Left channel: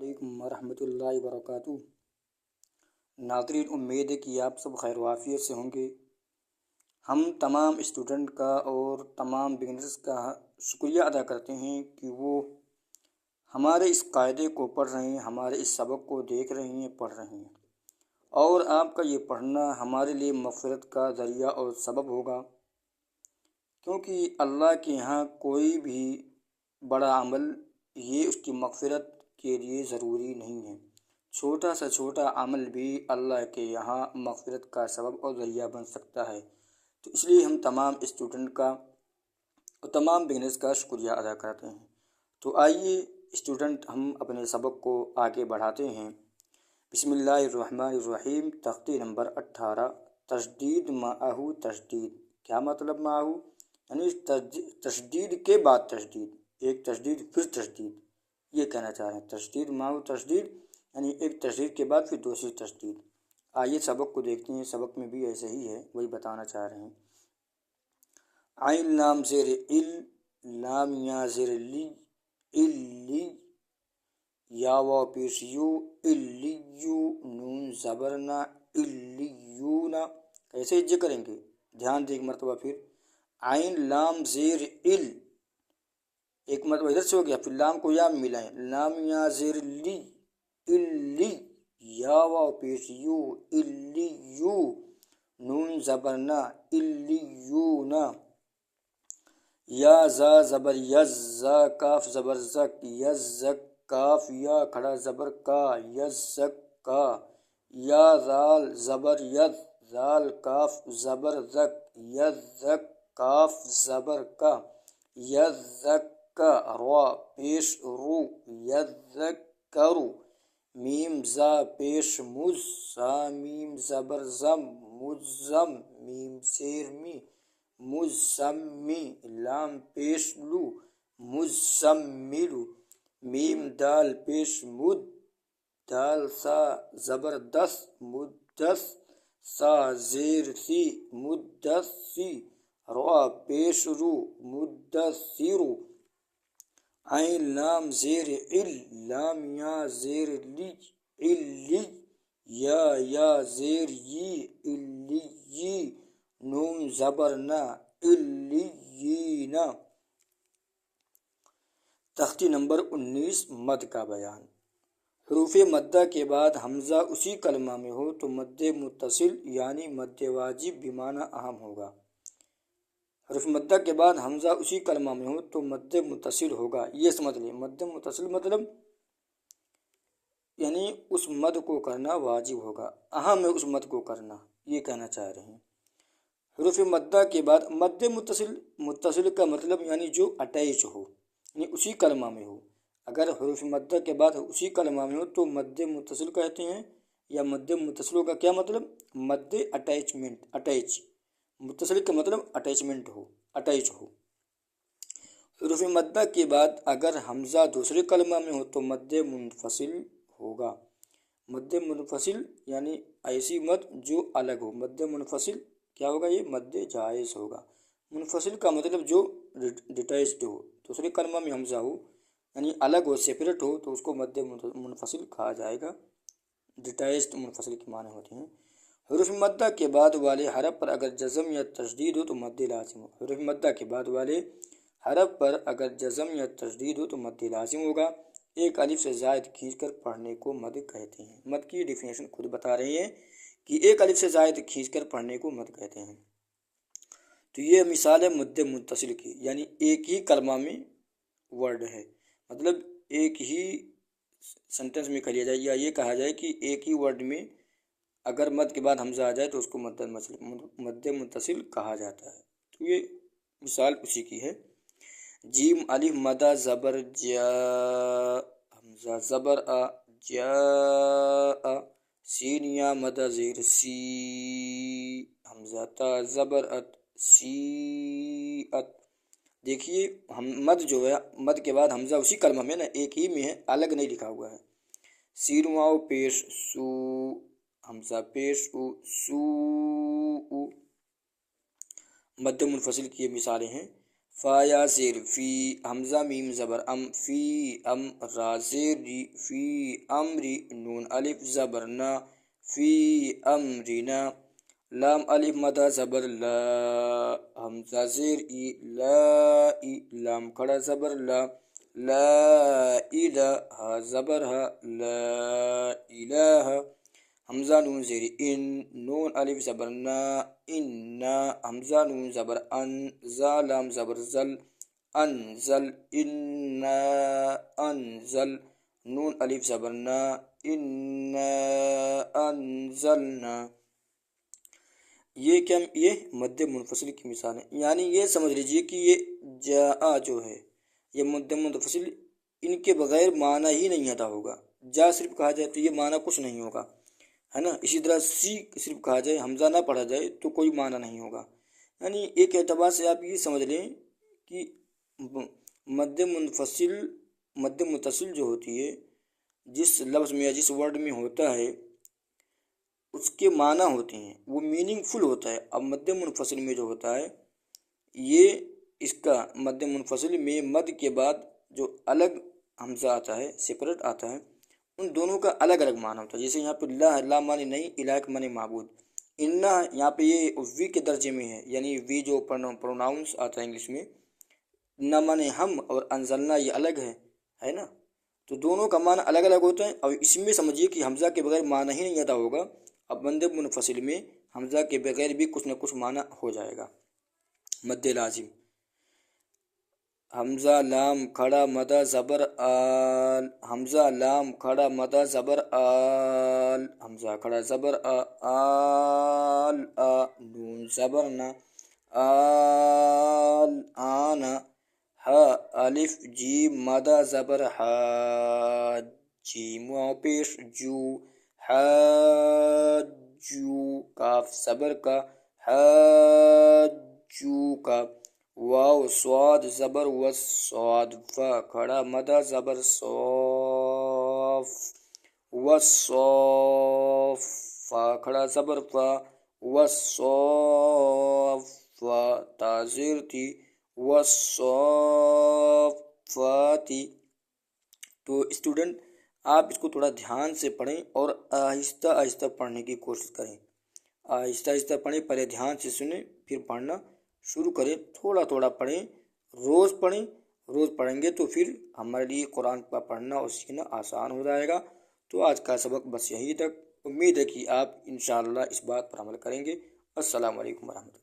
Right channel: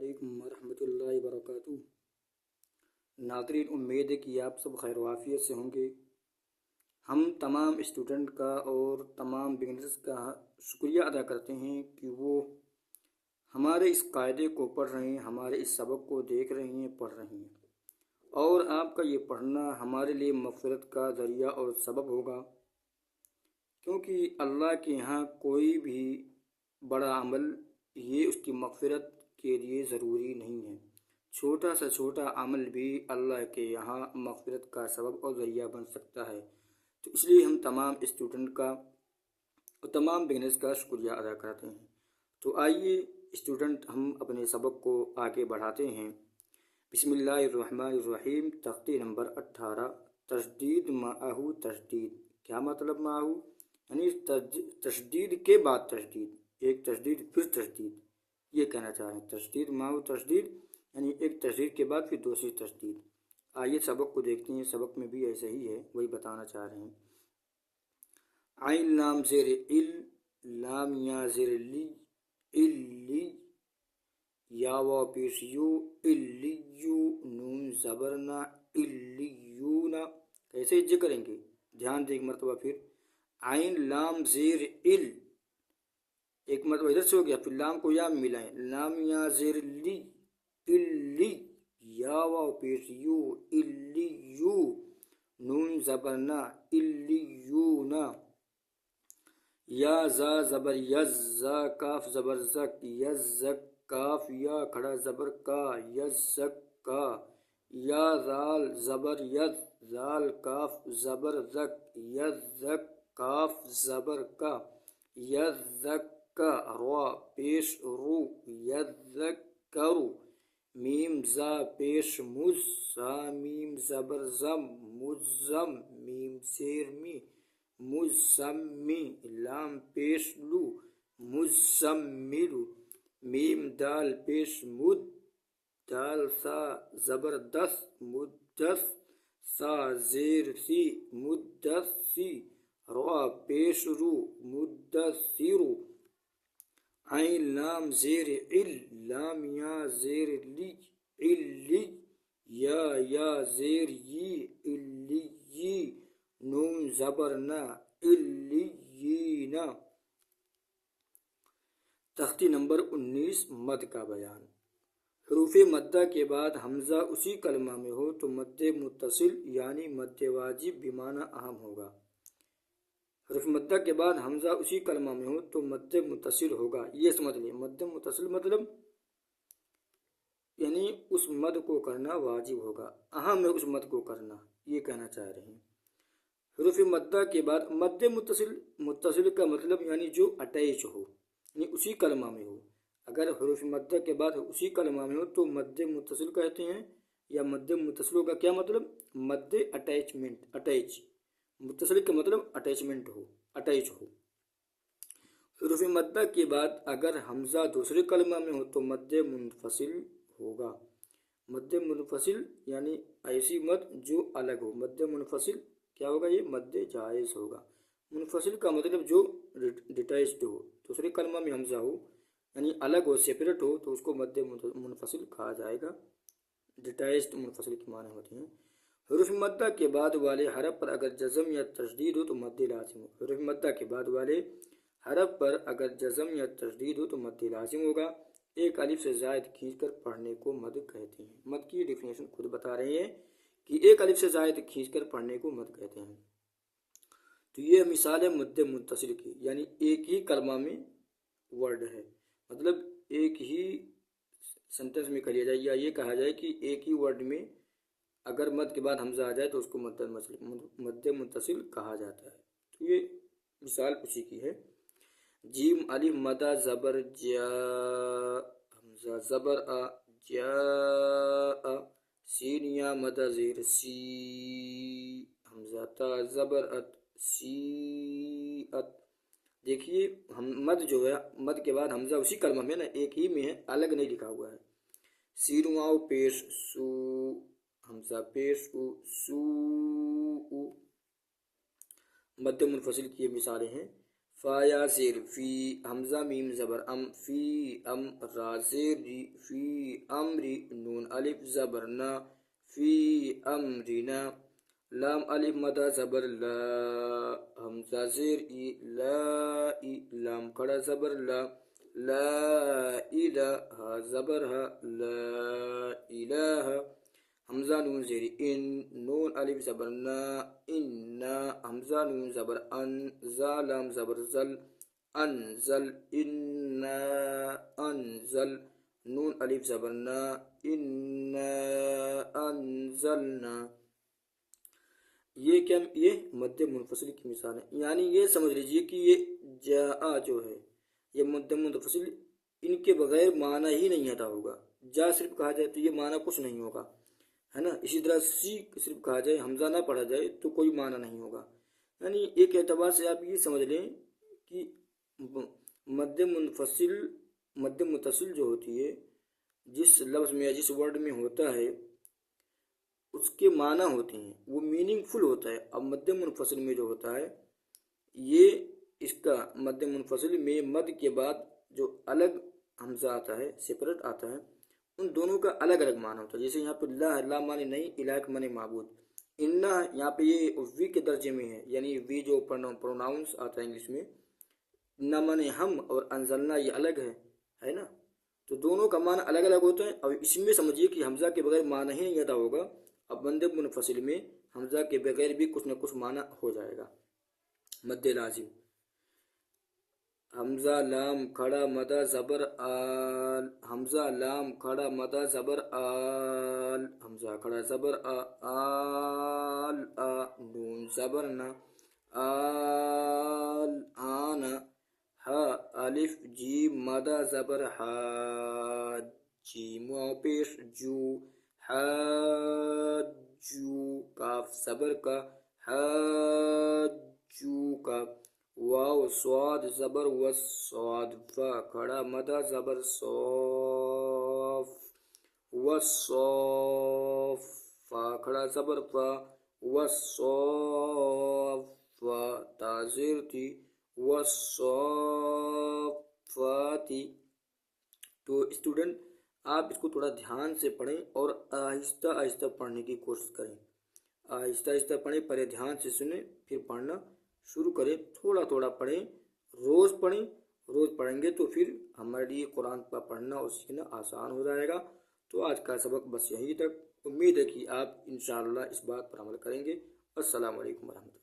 علیکم ورحمۃ اللہ وبرکاتہ۔ ناظرین، امید ہے کہ آپ سب خیر و عافیت سے ہوں گے۔ ہم تمام اسٹوڈنٹ کا اور تمام بگنرز کا شکریہ ادا کرتے ہیں کہ وہ ہمارے اس قاعدے کو پڑھ رہے ہیں، ہمارے اس سبق کو دیکھ رہے ہیں، پڑھ رہے ہیں، اور آپ کا یہ پڑھنا ہمارے لیے مغفرت کا ذریعہ اور سبب ہوگا، کیونکہ اللہ کے یہاں کوئی بھی بڑا عمل یہ اس کی مغفرت کے لیے ضروری نہیں ہے۔ چھوٹا سے چھوٹا عمل بھی اللہ کے یہاں مغفرت کا سبب اور ذریعہ بن سکتا ہے۔ تو اس لیے ہم تمام اسٹوڈنٹ کا اور تمام بگنرز کا شکریہ ادا کرتے ہیں۔ تو آئیے اسٹوڈنٹ، ہم اپنے سبق کو آگے بڑھاتے ہیں۔ بسم اللہ الرحمن الرحیم۔ تختی نمبر 18، تشدید معہو تشدید۔ کیا مطلب معہو؟ یعنی تشدید کے بعد تشدید، ایک تشدید پھر تشدید، یہ کہنا چاہ رہے ہیں۔ تشدید معہو تشدید یعنی ایک تشدید کے بعد پھر دوسری تشدید۔ آئیے سبق کو دیکھتے ہیں۔ سبق میں بھی ایسے ہی ہے، وہی بتانا چاہ رہے ہیں۔ عین لام زیر ال، لام یا زیر لی، اللی، یا واو پیش یو، اللیو، نون زبرنا، اللیونا۔ کیسے جے کریں گے؟ دھیان دیں ایک مرتبہ پھر۔ عین لام زیر ال، ایک مرتبہ ادھر سے ہو گیا، پھر لام کو یا میں ملائیں، لام یا زیر لی، اللی، یا واو پیش یو، اللیو، نون زبرنا، اللیونا، یا زا زبر یز، زا کاف زبر زک، یزک، کاف یا کھڑا زبر کا، یزک کا، یا زال زبر ید، زال کاف زبر زک، یزک، کاف زبر کا، یزک کا، را پیش رو، یذکرو، میم زا پیش مز، سا میم زبر زم، مزم، میم زیر می، مزمی، لام پیش لو، مزملو، میم دال پیش مد، دال سا زبر دس، مدس، سا زیر سی، مدسی، را پیش رو، مدثرو، عین لام زیر ال، لام یا زیر لی، اللی، یا زیر یی، اللی، نون زبر نا، اللیینا۔ تختی نمبر 19، مد کا بیان۔ حروف مدہ کے بعد حمزہ اسی کلمہ میں ہو تو مد متصل یعنی مد واجب بمعنی اہم ہوگا۔ حروف مدہ کے بعد حمزہ اسی کلمہ میں ہو تو مد متصل ہوگا، یہ سمجھ لیں۔ مد متصل مطلب یعنی اس مد کو کرنا واجب ہوگا، اہم ہے اس مد کو کرنا، یہ کہنا چاہ رہے ہیں۔ حروف مدہ کے بعد مد متصل، متصل کا مطلب یعنی جو اٹیچ ہو، یعنی اسی کلمہ میں ہو۔ اگر حروف مدہ کے بعد اسی کلمہ میں ہو تو مد متصل کہتے ہیں، یا مد متصل کا کیا مطلب؟ مد اٹیچمنٹ، اٹیچ، متصل کا مطلب اٹیچمنٹ ہو، اٹیچ ہو۔ حروف مدہ کے بعد اگر حمزہ دوسرے کلمہ میں ہو تو مد منفصل ہوگا۔ مد منفصل یعنی ایسی مد جو الگ ہو۔ مد منفصل کیا ہوگا؟ یہ مد جائز ہوگا۔ منفصل کا مطلب جو ڈیٹیچڈ ہو، دوسرے کلمہ میں حمزہ ہو یعنی الگ ہو، سیپریٹ ہو، تو اس کو مد منفصل کہا جائے گا۔ ڈیٹیچڈ منفصل کے معنی ہوتے ہیں۔ حروف مدہ کے بعد والے حرف پر اگر جزم یا تشدید ہو تو مد لازم ہو۔ حروف مدہ کے بعد والے حرف پر اگر جزم یا تشدید ہو تو مد لازم ہوگا۔ ایک الف سے زائد کھینچ کر پڑھنے کو مد کہتے ہیں۔ مد کی ڈیفینیشن خود بتا رہے ہیں کہ ایک الف سے زائد کھینچ کر پڑھنے کو مد کہتے ہیں۔ تو یہ مثال ہے مد متصل کی، یعنی ایک ہی کلمہ میں ورڈ ہے، مطلب ایک ہی سنٹنس میں کہہ لیا جائے، یا یہ کہا جائے کہ ایک ہی ورڈ میں اگر مد کے بعد حمزہ آ جائے تو اس کو مد متصل کہا جاتا ہے۔ تو یہ مثال اسی کی ہے۔ جیم الف مدہ زبر جا، حمزہ زبر آ، جا، سین یا مدہ زیر سی، حمزہ تا زبر ات، سی ات۔ دیکھیے مد جو ہے، مد کے بعد حمزہ اسی کلمہ میں نا، ایک ہی میں ہے، الگ نہیں لکھا ہوا ہے۔ سین واو پیش سو، حمزہ پیش او، سو او۔ مد منفصل کی یہ مثالیں ہیں۔ فا یا زیر فی، حمزہ میم زبر ام، فی ام، را زیر ری، فی امری، نون الف زبر نا، فی امرینا، لام الف مدہ زبر لا، حمزہ زیر ای، لا ای، لام کھڑا زبر لا، لا الہ، ہا زبر ہا، لا الہ، حمزہ نون زیر ان، نون الف زبر نا، انا، حمزہ نون زبر ان، زا لام زبر زل، انزل، انا انزل، نون الف زبر نا، انا انزلنا۔ یہ مد منفصل کی مثال ہے، یعنی یہ سمجھ لیجیے کہ یہ جا جو ہے یہ مد منفصل، ان کے بغیر معنی ہی نہیں ادا ہوگا۔ جا صرف کہا جائے تو یہ معنی کچھ نہیں ہوگا، ہے نا۔ اسی طرح سی صرف کہا جائے، حمزہ نہ پڑھا جائے تو کوئی معنی نہیں ہوگا۔ یعنی ایک اعتبار سے آپ یہ سمجھ لیں کہ مد متصل جو ہوتی ہے، جس لفظ میں یا جس ورڈ میں ہوتا ہے اس کے معنی ہوتے ہیں، وہ میننگ فل ہوتا ہے۔ اب مد منفصل میں جو ہوتا ہے، یہ اس کا مد منفصل میں مد کے بعد جو الگ حمزہ آتا ہے، سپریٹ آتا ہے، ان دونوں کا الگ الگ معنی ہوتا ہے۔ جیسے یہاں پہ لا معنی نہیں، الہ کا معنی معبود، انا یہاں پہ یہ وی کے درجے میں ہے، یعنی وی جو پروناؤنس آتا ہے انگلش میں، نہ معنی ہم اور انزلنا یہ الگ ہے نا۔ تو دونوں کا معنی الگ الگ ہوتا ہے، اور اس میں سمجھیے کہ حمزہ کے بغیر معنی ہی نہیں ادا ہوگا۔ اب مد منفصل میں حمزہ کے بغیر بھی کچھ نہ کچھ معنی ہو جائے گا۔ مد لازم، حمزہ لام کھڑا مدہ زبر آل، حمزہ لام کھڑا مدہ زبر آل، حمزہ کھڑا زبر آل، نون زبر نا، آل آنا، ہا الف جیم مدہ زبر حاج، جیم واو پیش جو، حاجو، کاف زبر کا، حاجو کا، واو صاد زبر وس، صاد فا کھڑا مدہ زبر صوف، وصوف، فا کھڑا زبر فا، وصوف، فا تازیر تھی، وصوفاتی۔ تو اسٹوڈنٹ آپ اس کو تھوڑا دھیان سے پڑھیں اور آہستہ آہستہ پڑھنے کی کوشش کریں۔ آہستہ آہستہ پڑھیں، پہلے دھیان سے سنیں پھر پڑھنا شروع کریں، تھوڑا تھوڑا پڑھیں، روز پڑھیں۔ روز پڑھیں گے تو پھر ہمارے لیے قرآن کا پڑھنا اور سیکھنا آسان ہو جائے گا۔ تو آج کا سبق بس یہیں تک، امید ہے کہ آپ انشاءاللہ اس بات پر عمل کریں گے۔ السلام علیکم ورحمۃ اللہ۔